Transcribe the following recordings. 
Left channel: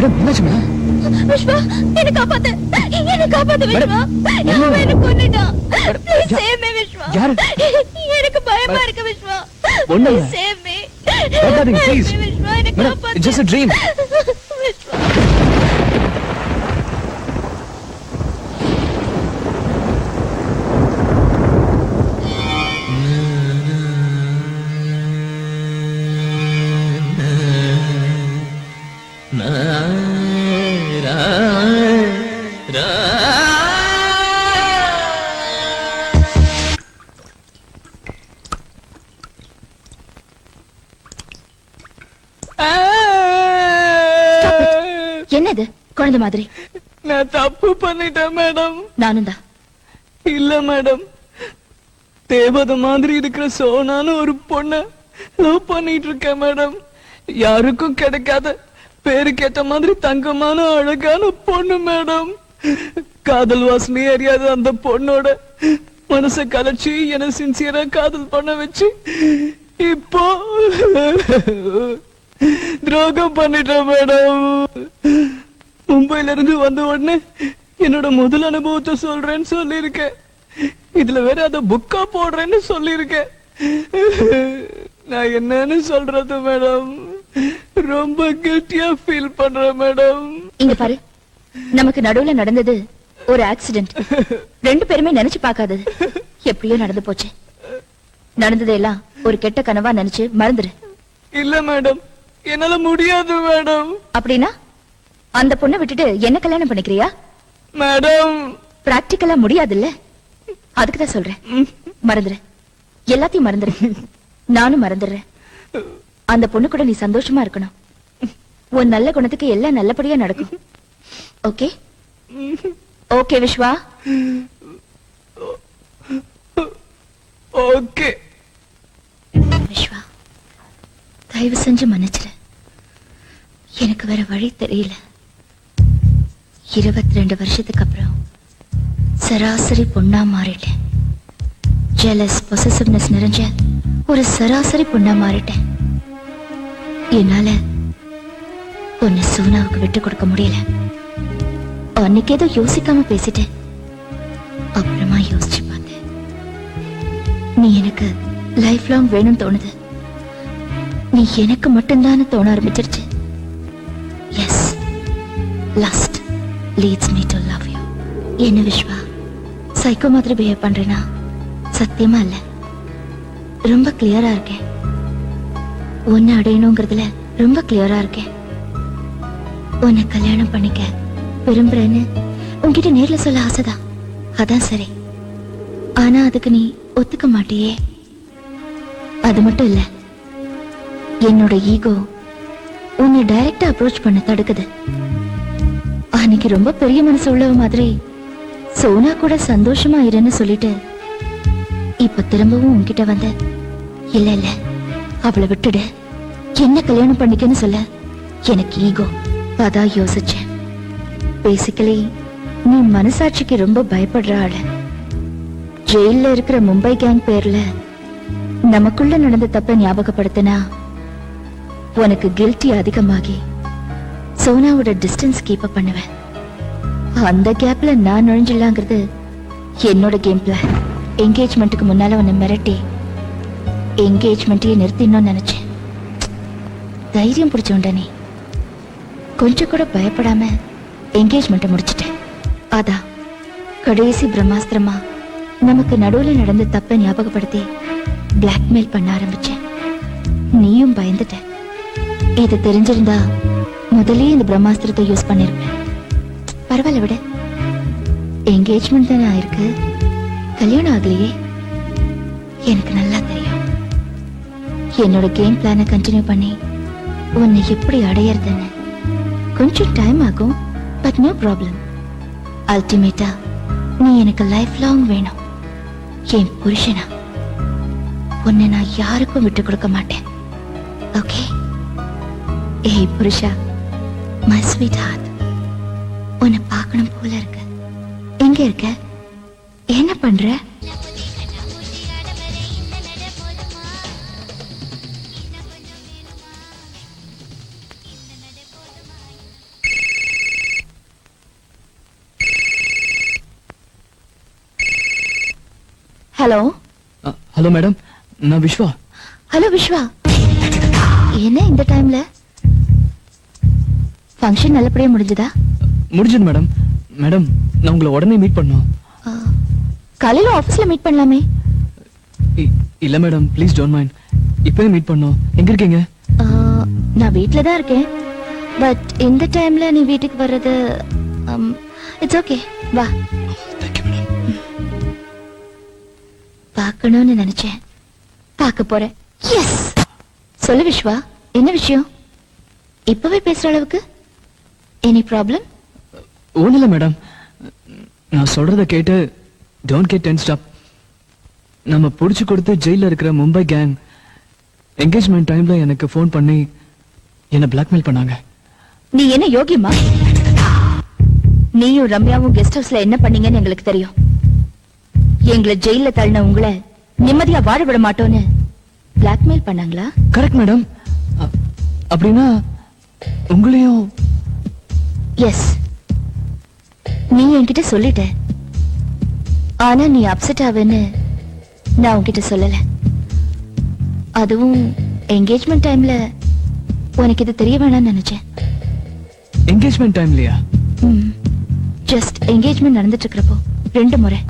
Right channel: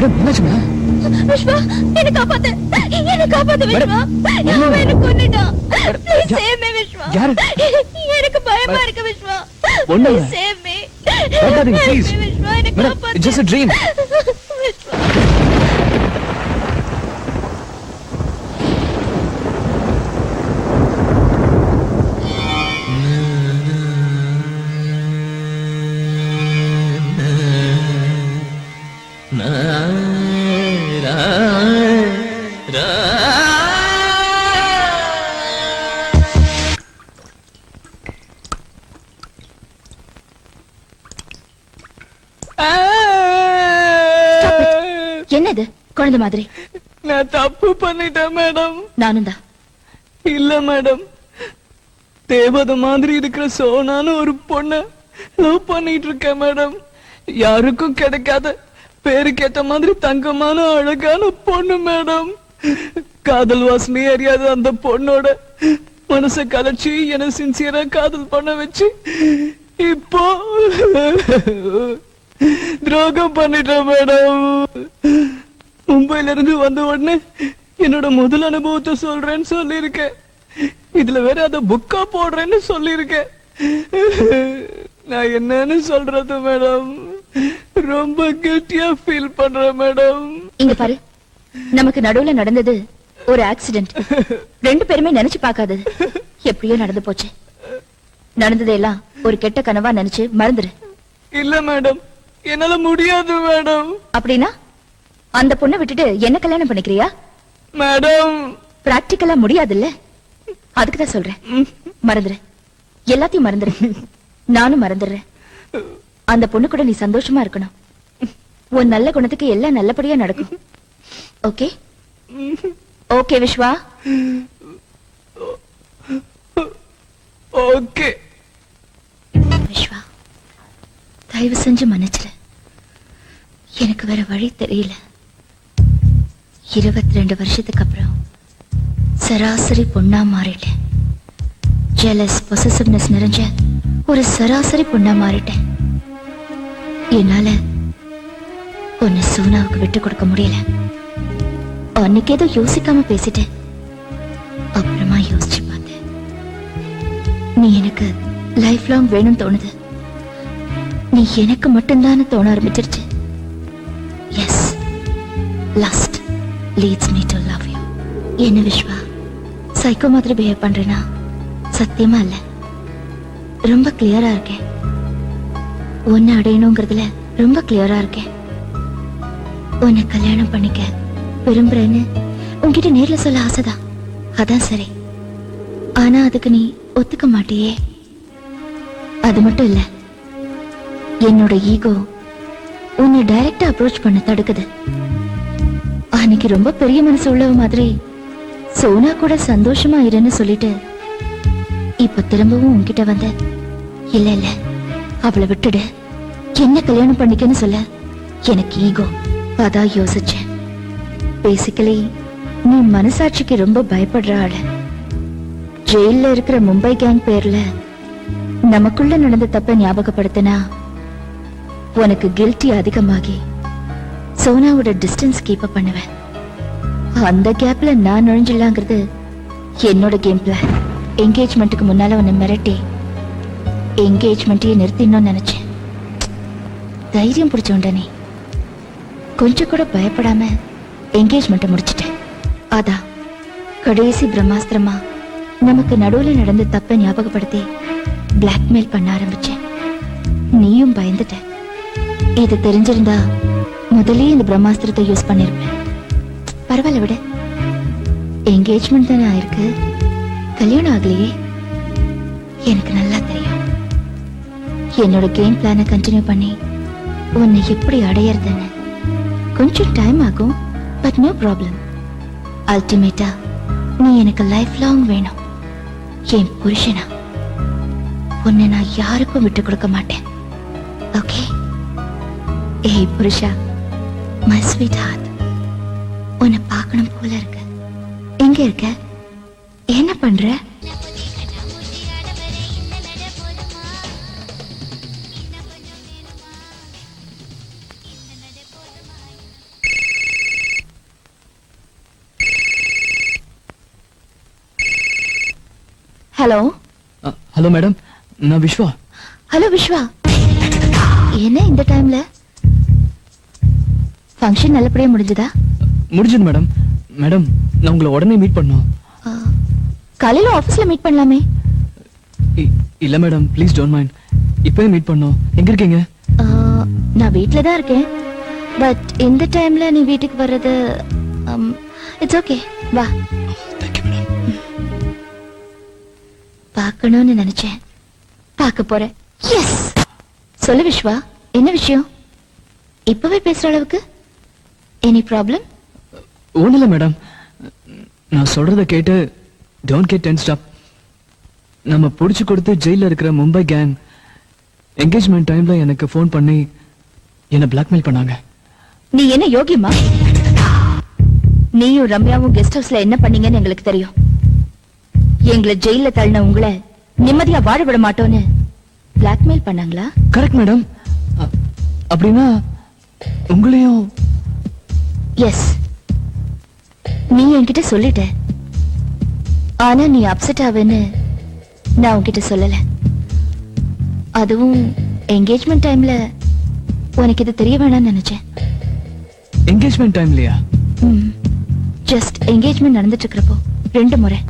Madam என்னாச்சுமா? விஷ்வா என்ன காப்பாத்து விஷ்வா. அவன் என்ன கொன்னுட்டான். Please save me Vishwa. யாரு? எனக்கு பயமா இருக்கு விஷ்வா. ஒண்ணு Please save me. please. Vishwa என்ன காப்பாத்து. It's just a dream. என்னது குழந்தை மாதிரி? நான் தப்பு பண்ணிட்டேன் மேடம். நானும் தான். இல்ல மேடம், தேவதை மாதிரி இருக்கிற சோனான ஒரு பொண்ண லவ் பண்ணிட்டு இருக்கேன் மேடம். யாருக்கும் கிடைக்காத பேருக்கேத்த மாதிரி தங்கமான அழகான பொண்ணு மேடம். காதல் வாசனை அறியாத அந்த பொண்ணோட மனசை கலைச்சு என்ன சின்சியரா காதல் பண்ண வச்சு இப்போ துரோகம் பண்ணிட்டேன் மேடம். மும்பைல இருந்து வந்த உடனே என்னோட முதல் அனுபவத்தை சொல்றேன்னு சொல்லிருக்கேன். இதுல வேற அத புக்கா போடுறேன்னு சொல்லிருக்கேன். நான் என்னன்னு சொல்றது மேடம்? ரொம்ப கெட்டியா ஃபீல் பண்றேன் மேடம். இங்க பாரு, நமக்கு நடுவுல நடந்தது ஒரு ஆக்சிடென்ட். ரெண்டு பேருமே நினைச்சு பார்க்காதது எப்படியோ நடந்து போச்சு. நடந்ததெல்லாம் ஒரு கெட்ட கனவா நினைச்சு மறந்துரு. இல்ல மேடம், என்னால முடியாது மேடம். அப்படின்னா அந்த பொண்ணை விட்டுட்டு என்ன கல்யாணம் பண்ணிக்கிறியா? மேடம் பிராக்டிக்கலா முடியாதுல்ல, அதுக்குதான் சொல்றேன். மறந்துரு, எல்லாத்தையும் மறந்துரு. நானும் மறந்துடுறேன். அந்த பொண்ணு கூட நீ சந்தோஷமா இருக்கணும். உன் நல்ல குணத்துக்கு எல்லாம் நல்லபடியா நடக்கும். Okay okay Vishwa? Okay Vishwa, தயவு செஞ்சு மன்னிச்சிரு. எனக்கு வேற வழி தெரியல. 22 வருஷத்துக்கு அப்புறம் சராசரி பொண்ணா மாறிட்டேன். ஜெலஸ் பொசசிவ்னஸ் நிறைஞ்ச ஒரு சராசரி பொண்ணா மாறிட்டேன். என்னால உன்னை சோனாவுக்கு விட்டு கொடுக்க முடியல. அன்னைக்கு ஏதோ யோசிக்காம பேசிட்டேன். அப்புறமா யோசிச்சு பார்த்தேன், நீ எனக்கு லைஃப் லாங் வேணும்னு தோணுது. நீ எனக்கு மட்டும்தான் தோண ஆரம்பிச்சிருச்சு. Yes, lust leads me to love you. என்ன விஸ்வா, சைக்கோ மாதிரி பிஹேவ் பண்றேனா? சத்தியமா இல்ல, ரொம்ப கிளியரா இருக்கேன். உன்னை அடையணுங்கிறதுல ரொம்ப கிளியரா இருக்கேன். உன்னை கல்யாணம் பண்ணிக்க விரும்புறேன்னு உன்கிட்ட நேர்ல சொல்ல ஆசைதான். அதான் சரி. ஆனா அதுக்கு நீ ஒத்துக்க மாட்டியே. அது மட்டும் இல்ல, என்னோட ஈகோ உன்னை டைரக்டா அப்ரோச் பண்ண தடுக்குது. அன்னைக்கு ரொம்ப பெரிய மனசு உள்ளவ மாதிரி சோனா கூட சந்தோஷமா இருன்னு சொல்லிட்டு இப்ப திரும்பவும் உன்கிட்ட வந்த, இல்ல இல்ல அவளை விட்டுடு, என்ன கல்யாணம் பண்ணிக்கன்னு சொல்ல எனக்கு ஈகோ. அதான் யோசிச்சேன். பேசிக்கலி நீ மனசாட்சிக்கு ரொம்ப பயப்படுற ஆளு. ஜெயில இருக்கிற மும்பை கேங் பேர்ல நமக்குள்ள நடந்த தப்ப ஞாபகப்படுத்தினா உனக்கு கில்ட்டி அதிகமாகி சோனாவோட டிஸ்டன்ஸ் கீப் அப் பண்ணுவேன். அந்த கேப்ல நான் நுழைஞ்சிடலாங்கிறது என்னோட கேம் பிளான். என்கேஜ்மெண்ட்டுக்கு முன்னால உன்னை மிரட்டி என்கேஜ்மெண்ட்டையே நிறுத்திடணும்னு நினைச்சேன். தைரியம் பிடிச்சோண்டா நீ. கொஞ்சம் கூட பயப்படாம என்கேஜ்மெண்ட்டை முடிச்சிட்டேன். அதான் கடைசி பிரம்மாஸ்திரமா நமக்கு நடுவுல நடந்த தப்பை ஞாபகப்படுத்தி பிளாக்மெயில் பண்ண ஆரம்பிச்சேன். நீயும் பயந்துட்ட. இது தெரிஞ்சிருந்தா முதல்லயே இந்த பிரம்மாஸ்திரத்தை யூஸ் பண்ணிருப்பேன். பரவாயில்ல விட, என்கேஜ்மெண்ட் தானே ஆயிருக்கு, கல்யாணம் ஆகலையே. எனக்கு நல்லா தெரியும். என்னோட கேம் பிளானை கண்டினியூ பண்ணி உன்னை எப்படி அடையறதுன்னு கொஞ்சம் டைம் ஆகும். But no problem. அல்டிமேட்டா நீ எனக்கு லைஃப் லாங் வேணும். என் புருஷனா உன்னை நான் யாருக்கும் விட்டு கொடுக்க மாட்டேன். ஓகே? ஏய் புருஷா, மை ஸ்வீட் ஹார்ட், உன்னை பார்க்கணும் போல இருக்கு. எங்க இருக்க? என்ன பண்ற? ஹலோ ஹலோ மேடம், நான் விஸ்வா. ஹலோ விஸ்வா, என்ன இந்த டைம்ல? ஃபங்க்ஷன் நல்லபடியா முடிஞ்சதா? முடிஞ்சது மேடம். மேடம், நான் உங்களை உடனே மீட் பண்ணோம். ஆ, காலையில ஆபீஸ்ல மீட் பண்ணலாமே. இல்ல மேடம், ப்ளீஸ் டோன்ட் மைண்ட். இப்பவே மீட் பண்ணோம். எங்க இருக்கீங்க? ஆ, நான் வீட்ல தான் இருக்கேன். பட் இந்த டைம்ல நீ வீட்டுக்கு வர்றது இட்ஸ் ஓகே. வா, தேங்க்யூ மேடம். பார்க்கணும்னு நினைச்சேன், பார்க்க போறேன். எஸ், சொல்லு விஸ்வா, என்ன விஷயம்? இப்பவே பேசுற அளவுக்கு எனி ப்ராப்ளம்? ஒண்ணு இல்ல மேடம், நான் சொல்றத கேட்டு டோன்ட் கெட் டென்ஸ்ட் அப். நம்ம புடிச்சு கொடுத்து ஜெயில இருக்கிற மும்பை கேங் என்கேஜ்மெண்ட் டைம்ல எனக்கு ஃபோன் பண்ணி என்ன பிளாக்மெயில் பண்ணாங்க. நீ என்ன யோகியமா? நீயும் ரம்யாவும் கெஸ்ட் ஹவுஸ்ல என்ன பண்ணீங்கன்னு எங்களுக்கு தெரியும். எங்களை ஜெயில தள்ளின உங்களை நிம்மதியா வாழ விட மாட்டோன்னு பிளாக்மெயில் பண்ணாங்களா? Correct madam. அப்படின்னா உங்களையும்? எஸ், நீ என்கிட்ட சொல்லிட்ட. ஆனா நீ அப்செட் ஆவேன்னு நான் உன்கிட்ட சொல்லல. அதுவும் என்கேஜ்மெண்ட் டைம்ல உனக்கு இது தெரிய வேணாம்னு நினைச்சேன். என்கேஜ்மெண்ட் டைம்லயா? ஜஸ்ட் என்கேஜ்மெண்ட் நடந்துட்டு இருக்கிறப்போ 2 முறை,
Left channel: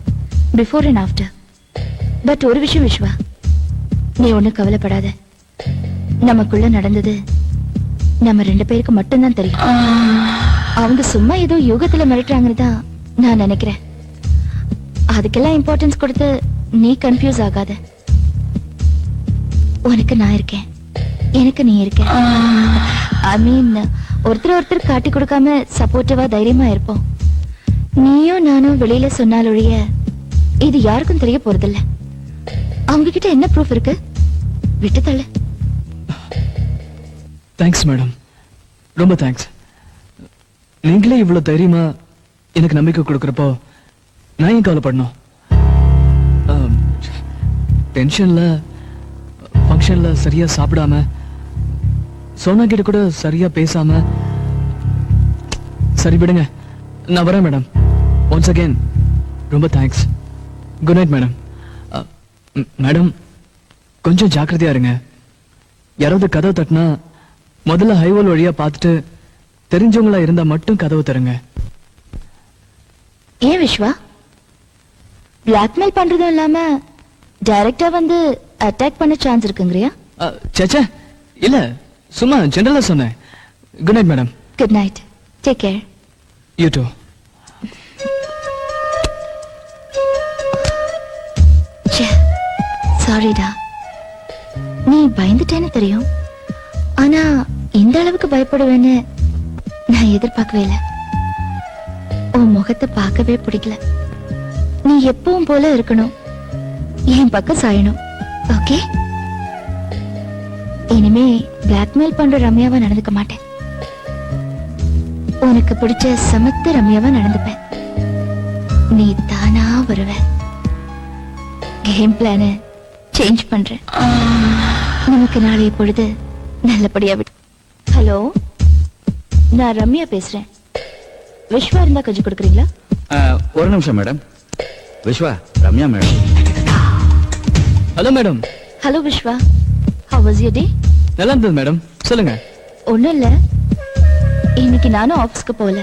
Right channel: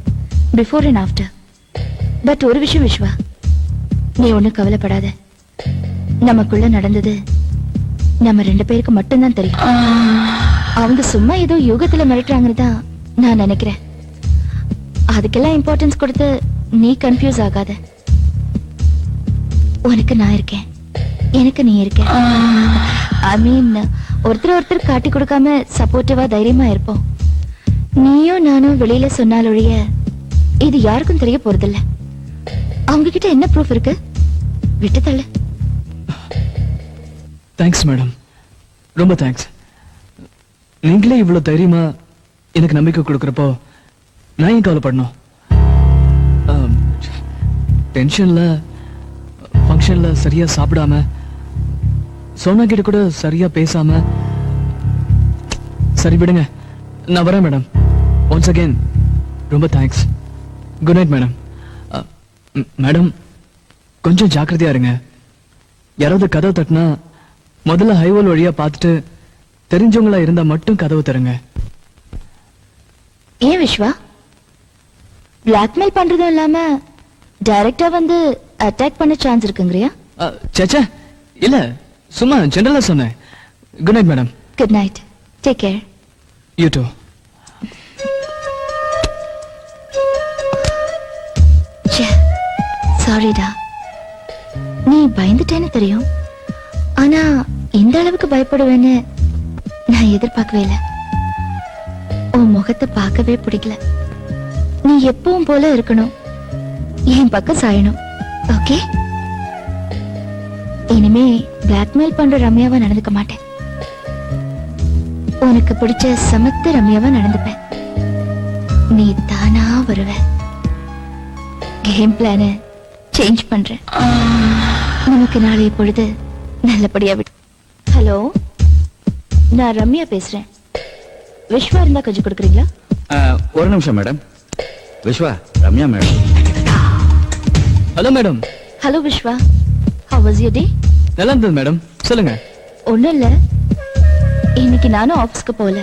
பிஃபோர் அண்ட் ஆஃப்டர். பட் ஒரு விஷயம் விஸ்வா, நீ ஒண்ணு கவலைப்படாத. நமக்குள்ள நடந்தது நம்ம 2 பேருக்கு மட்டும்தான் தெரியும். அவங்க சும்மா ஏதோ யோகத்துல மிரட்டுறாங்கன்னு தான் நான் நினைக்கிறேன். அதுக்கெல்லாம் இம்பார்ட்டன்ஸ் கொடுத்து நீ கன்ஃபியூஸ் ஆகாத. உனக்கு நான் இருக்கேன், எனக்கு நீ இருக்க. ஐ மீன், ஒருத்தர் காட்டி கொடுக்காம சப்போர்ட்டிவா தைரியமா இருப்போம். நீயும் நானும் வெளியில சொன்னாலொழிய இது யாருக்கும் தெரிய போறதில்ல. அவங்க கிட்ட என்ன ப்ரூஃப் இருக்கு? விட்டு தள்ளு. தேங்க்ஸ் மேடம், ரொம்ப தேங்க்ஸ். நீங்களே இவ்வளவு தைரியமா எனக்கு நம்பிக்கை கொடுக்கறப்போ நான் ஏன் கவலைப்படணும்? டென்ஷன்ல ஃபங்க்ஷன்ல சரியா சாப்பிடாம, சோனா கிட்ட கூட சரியா பேசாம. சரி விடுங்க, நான் வரேன் மேடம். ஒன்ஸ் அகைன் ரொம்ப thanks. Good night madam. Madam, கொஞ்சம் ஜாக்கிரதையா இருங்க. யாராவது கதவு தட்டினா முதல்ல ஹைவேல் வழியா பார்த்துட்டு தெரிஞ்சவங்களா இருந்தா மட்டும் கதவு தருங்க. ஏன் விஸ்வா, பிளாக்மெயில் பண்றதும் இல்லாம டைரக்டா வந்து அட்டாக் பண்ண சான்ஸ் இருக்குங்கறியா? சேச்சே, இல்ல, சும்மா ஜெனரலா சொன்னேன். Good night madam. Good night, take care. You too. சாரிடா, நீ பயந்துட்டேன்னு தெரியும். ஆனா இந்த அளவுக்கு பயப்படுவேன்னு நான் எதிர்பார்க்கவே இல்லை. உன் முகத்தை பார்க்கவே பிடிக்கல. நீ எப்பவும் போல இருக்கணும், என் பக்கம் சாயணும். ஓகே? இனிமே பிளாக்மெயில் பண்ற ரம்யாவா நடந்துக்க மாட்டேன். உனக்கு பிடிச்ச சமத்த ரம்யாவா நடந்துப்பேன். நீ தானா வருவ. கேம் பிளான சேஞ்ச் பண்றேன். நமக்கு நாளை பொழுது நல்லபடியா விடு. ஹலோ, நான் ரம்யா பேசுறேன். விஸ்வா இருந்தா கொஞ்சம் கொடுக்குறீங்களா? ஒரு நிமிஷம் madam. Vishwa, Ramya madam. Hello madam. Hello Vishwa, how was your day? நல்லா இருந்தது மேடம், சொல்லுங்க. ஒண்ணும் இல்ல, இன்னைக்கு நானும் ஆபீஸ்க்கு போல.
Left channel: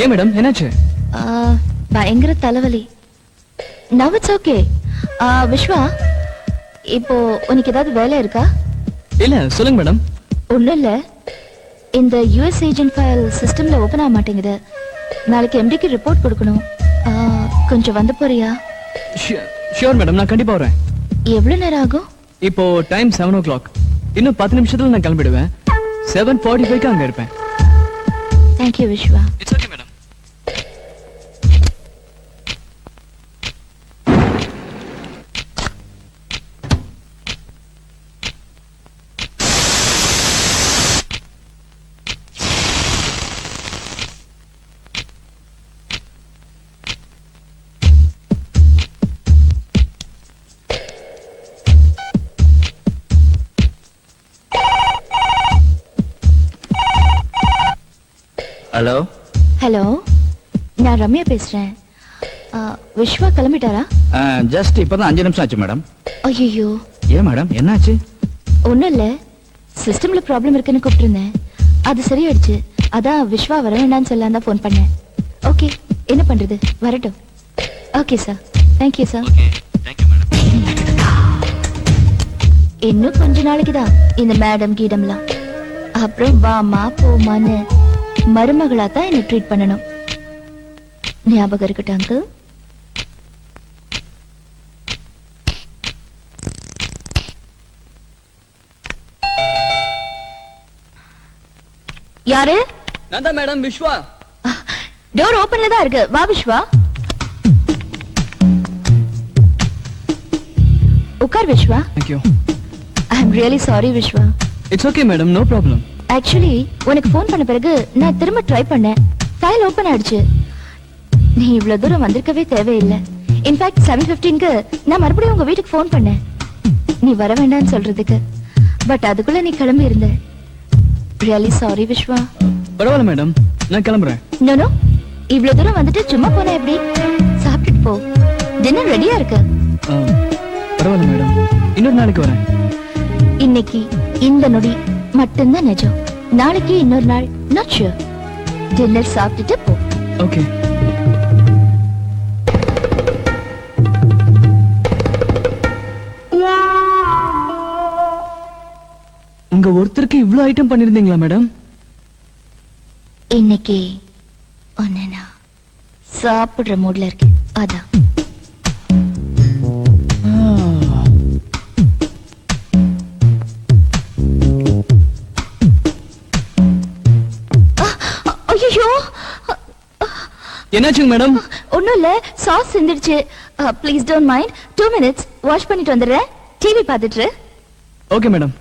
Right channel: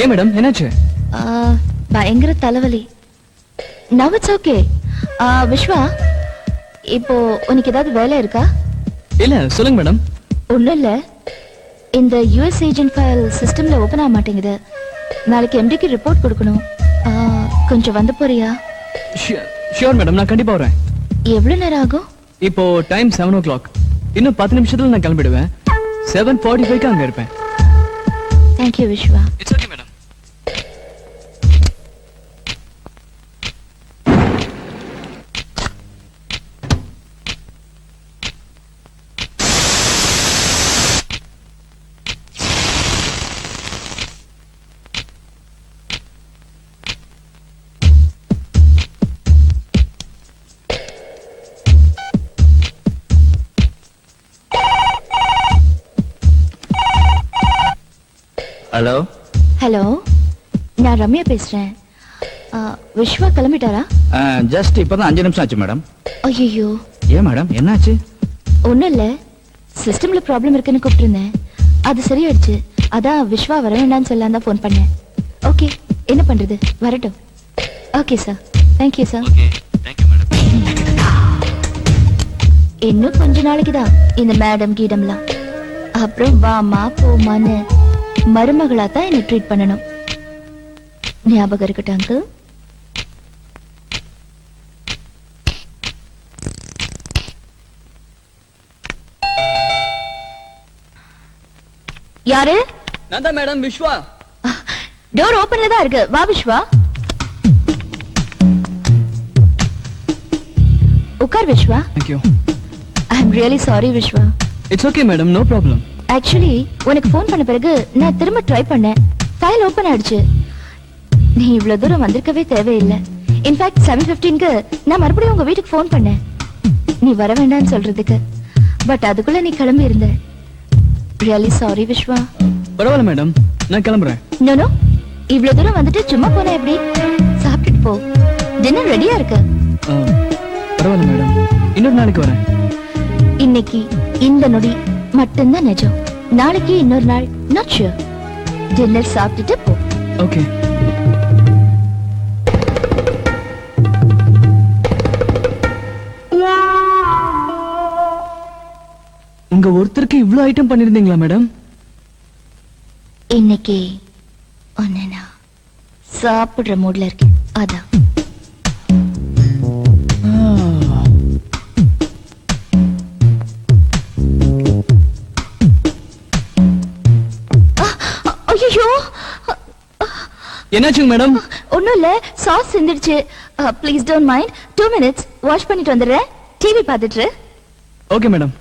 ஏன் மேடம், என்னாச்சு? பயங்கர தலைவலி. now it's okay. விஸ்வா, இப்போ உனக்கு ஏதாவது வேலை இருக்கா? இல்ல, சொல்லுங்க மேடம். ஒண்ணும் இல்ல, இந்த யுஎஸ் ஏஜென்ட் ஃபைல் சிஸ்டம்ல ஓபன் ஆக மாட்டேங்குது. நாளைக்கு எம்டிக்கு ரிப்போர்ட் கொடுக்கணும். கொஞ்சம் வந்து போறியா? ஷியோர் மேடம், நான் கண்டிப்பா வரேன். எவ்வளவு நேரம் ஆகும்? இப்போ டைம் 7 o'clock. இன்னும் 10 நிமிஷத்துல நான் கிளம்பிடுவேன். 7:45 அங்க இருப்பேன். Thank you Vishwa. It's okay madam. Hello. Hello, நான் ரம்யா பேசுறேன். விஸ்வா கிளம்பிட்டாரா? ஜஸ்ட் இப்பதான் 5 நிமிஷம் ஆச்சு மேடம். ஐயோ, ஏன் மேடம் என்னாச்சு? ஒண்ணும் இல்ல, சிஸ்டம்ல ப்ராப்ளம் இருக்குன்னு கூப்பிட்டிருந்தேன். அது சரியாயிடுச்சு. அதான் விஸ்வா வர வேண்டாம்னு சொல்லலாம் தான் போன் பண்ணேன். ஓகே, என்ன பண்றது, வரட்டும். Okay sir, thank you sir. இன்னும் கொஞ்ச நாளைக்குதான் இந்த மேடம் கீடம்லாம். அப்புறம் வாமா போமான்னு மருமகளா தான் என்ன ட்ரீட் பண்ணணும். ஞாபகம் இருக்கட்டும் அங்கிள். யாரு? நான் தான் மேடம் விஸ்வா. டோர் ஓபன்ல தான் இருக்கு. வா விஸ்வா, உட்கார் Vishwa. Thank you. I am really sorry Vishwa. It's okay madam, no problem. Actually உனக்கு ஃபோன் பண்ண பிறகு நான் திரும்ப ட்ரை பண்ணேன். ஃபைல் ஓபன் ஆயிடுச்சு. நீ இவ்வளவு தூரம் வந்திருக்கவே தேவையில்லை. இன்ஃபேக்ட் 7:15க்கு நான் மறுபடியும் உங்க வீட்டுக்கு ஃபோன் பண்ணேன், நீ வர வேண்டாம்னு சொல்றதுக்கு. பட் அதுக்குள்ள நீ கிளம்பி இருந்த. Really sorry Vishwa. பரவாயில்ல மேடம், நான் கிளம்புறேன். நோ, இவ்வளவு தூரம் வந்துட்டு சும்மா போனா எப்படி? சாப்பிட்டுட்டு போ, டின்னர் ரெடியா இருக்கு. பரவாயில்ல மேடம், இன்னொரு நாளைக்கு வரேன். இன்னைக்கு இந்த நொடி மட்டும்தான் நிஜம். நாளைக்கு இன்னொரு நாள் நாட் ஷூர். டின்னர் சாப்பிட்டுட்டு போ. ஓகே. உங்க ஒருத்தருக்கு இவ்ளோ ஐட்டம் பண்ணிருந்தீங்களா மேடம்? இன்னைக்கு ஒன்னு நான் சாப்பிடுற மூட்ல இருக்கேன், அதான். ஐயோ, என்னாச்சுங்க மேடம்? ஒண்ணும் இல்ல, சாஸ் சிந்திடுச்சு. Please don't mind. 2 minutes wash பண்ணிட்டு வந்துடுறேன். டிவி பார்த்துட்டு. Okay madam.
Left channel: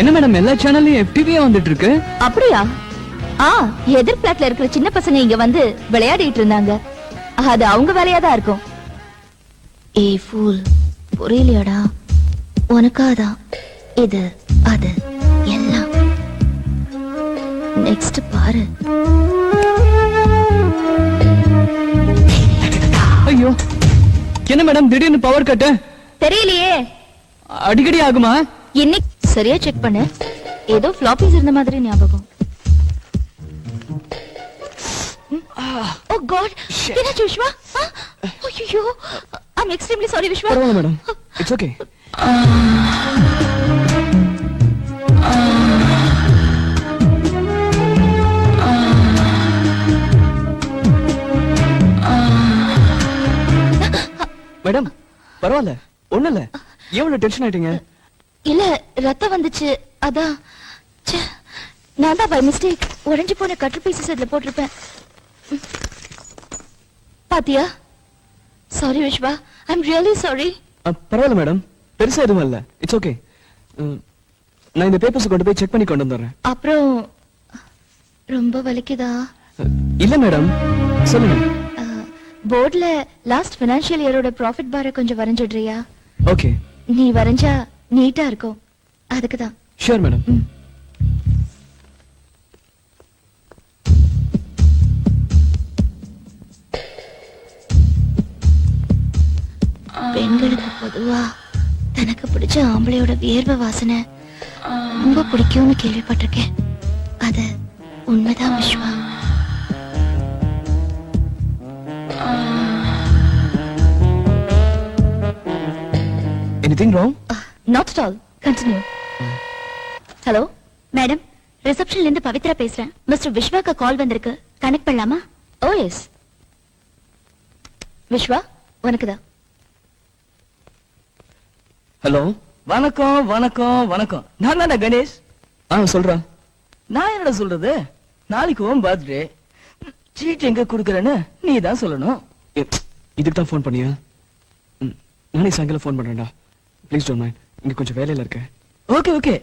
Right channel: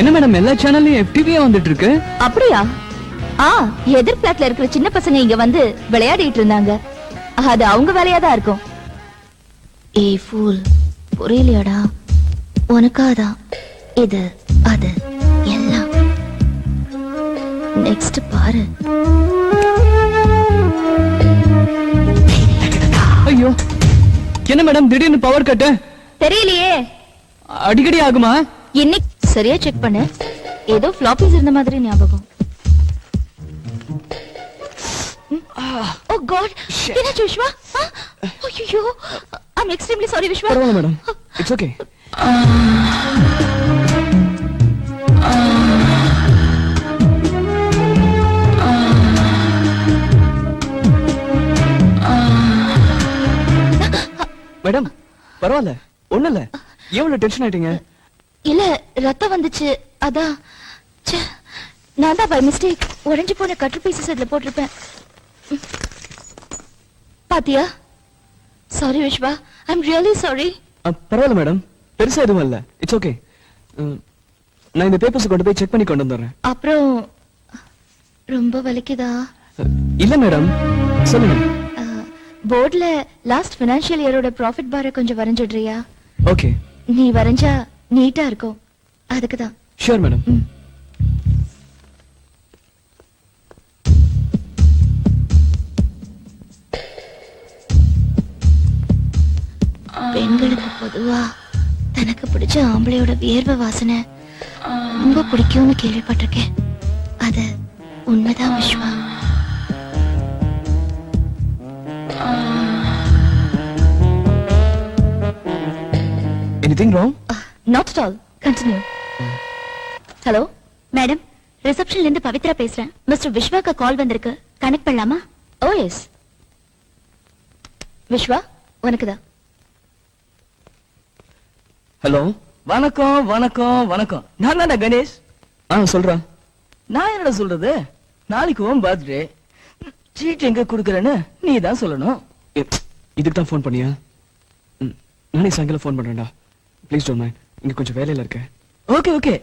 என்ன மேடம், எல்லா சேனல்லையும் FTV வந்துட்டு இருக்கு? அப்படியா? எதிர் பிளாட்ல இருக்கிற சின்ன பசங்க இங்க வந்து விளையாடிட்டு இருந்தாங்க. அது அவங்க வேலையா தான் இருக்கும். ஏய் ஃபூல், புரியலையாடா? உனக்காதான் இது அது எல்லாம். நெக்ஸ்ட் பாரு. ஐயோ, என்ன மேடம் திடீர்னு பவர் கட்டு? தெரியலையே, அடிக்கடி ஆகுமா? இன்னைக்கு சரியா செக் பண்ணு. ஏதோ ஃபிளாப்பிஸ் இருந்த மாதிரி ஞாபகம். ஓ காட், என்னாச்சு விஸ்வா? ஐயோ, ஐ அம் எக்ஸ்ட்ரீம்லி சாரி விஸ்வா. பரவாயில்ல மேடம், இட்ஸ் ஓகே. மேடம் பரவாயில்ல, ஒண்ணு இல்ல. எவ்வளவு டென்ஷன் ஆயிட்டீங்க? இல்ல, ரத்தம் வந்துச்சு, அதான். ச்சே, நான் தான் பை மிஸ்டேக் உடைஞ்சு போன கட்டர் பீசஸ் அதுல போட்டிருப்பேன். பாத்தியா? Sorry Vishwa, I am really sorry. பரவாயில்ல மேடம், பெருசா எதுவும் இல்ல. It's okay. நான் இந்த பேப்பர்ஸ் கொண்டு போய் செக் பண்ணி கொண்டு வந்துடுறேன். அப்புறம் ரொம்ப வலிக்குதா? இல்ல மேடம், சொல்லுங்க. போர்ட்ல லாஸ்ட் ஃபைனான்சியல் இயரோட ப்ராஃபிட் பாரை கொஞ்சம் வரைஞ்சிடுறியா? ஓகே. நீ வரைஞ்சா நீட்டா இருக்கும், அதுக்குதான். Sure madam. பெண்களுக்கு பொதுவா தனக்கு பிடிச்ச ஆம்பளையோட வியர்வை வாசனை ரொம்ப பிடிக்கும்னு கேள்விப்பட்டிருக்கேன். அது உண்மைதான் Vishwa. Anything wrong? Not at all. Continue. Hello, madam, ரிசப்ஷன்ல இருந்து பவித்ரா பேசுறேன். மிஸ்டர் விஸ்வாக்கு கால் வந்திருக்கு, கனெக்ட் பண்ணலாமா? Oh yes. விஸ்வா, உனக்குதான். ஹலோ, வணக்கம் வணக்கம் வணக்கம். நான் தானே கணேஷ். சொல்றேன். நான் என்ன சொல்றது, நாளைக்கு உன் பர்த்டே. சீட் எங்க குடுக்கறேன்னு நீ தான் சொல்லணும். இதுக்கு தான் போன் பண்ணியா? நானே சாயங்காலம் போன் பண்றேன்டா. ப்ளீஸ் டோன்ட் மைண்ட், இங்க கொஞ்சம் வேலையில இருக்கேன். Okay okay.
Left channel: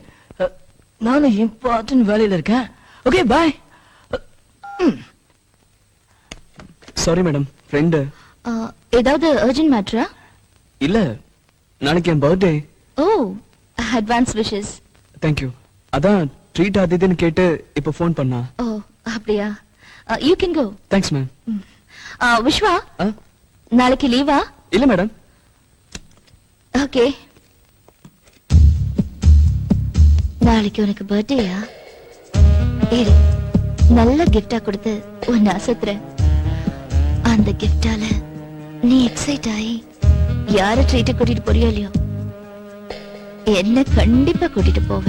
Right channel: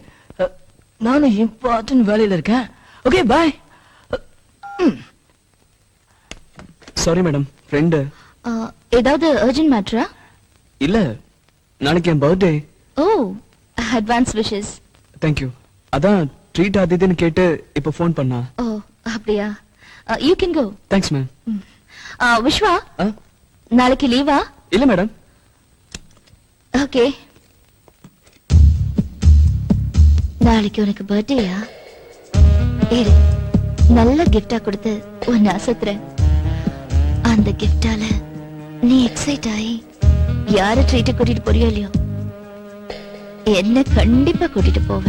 நானும் இம்பார்ட்டன்ட் வேலையில இருக்கேன். Okay bye. Sorry madam, friend. ஏதாவது அர்ஜென்ட் மேட்டரா? இல்ல, நாளைக்கு என் birthday. Oh, advance wishes. Thank you. அதான் ட்ரீட் அது இதுன்னு கேட்டு இப்ப ஃபோன் பண்ணா. ஓ, அப்படியா? You can go. Thanks ma'am. Vishwa, நாளைக்கு லீவா? இல்ல மேடம். ஓகே. நாளைக்கு உனக்கு பர்த்டேயா? இரு, நல்ல கிஃப்டா கொடுத்து உன்னை அசத்துறேன். அந்த கிஃப்டால நீ எக்ஸைட் ஆகி யார ட்ரீட் கூட்டிட்டு போறியோ இல்லையோ, என்ன கண்டிப்பா கூட்டிட்டு போவேன்.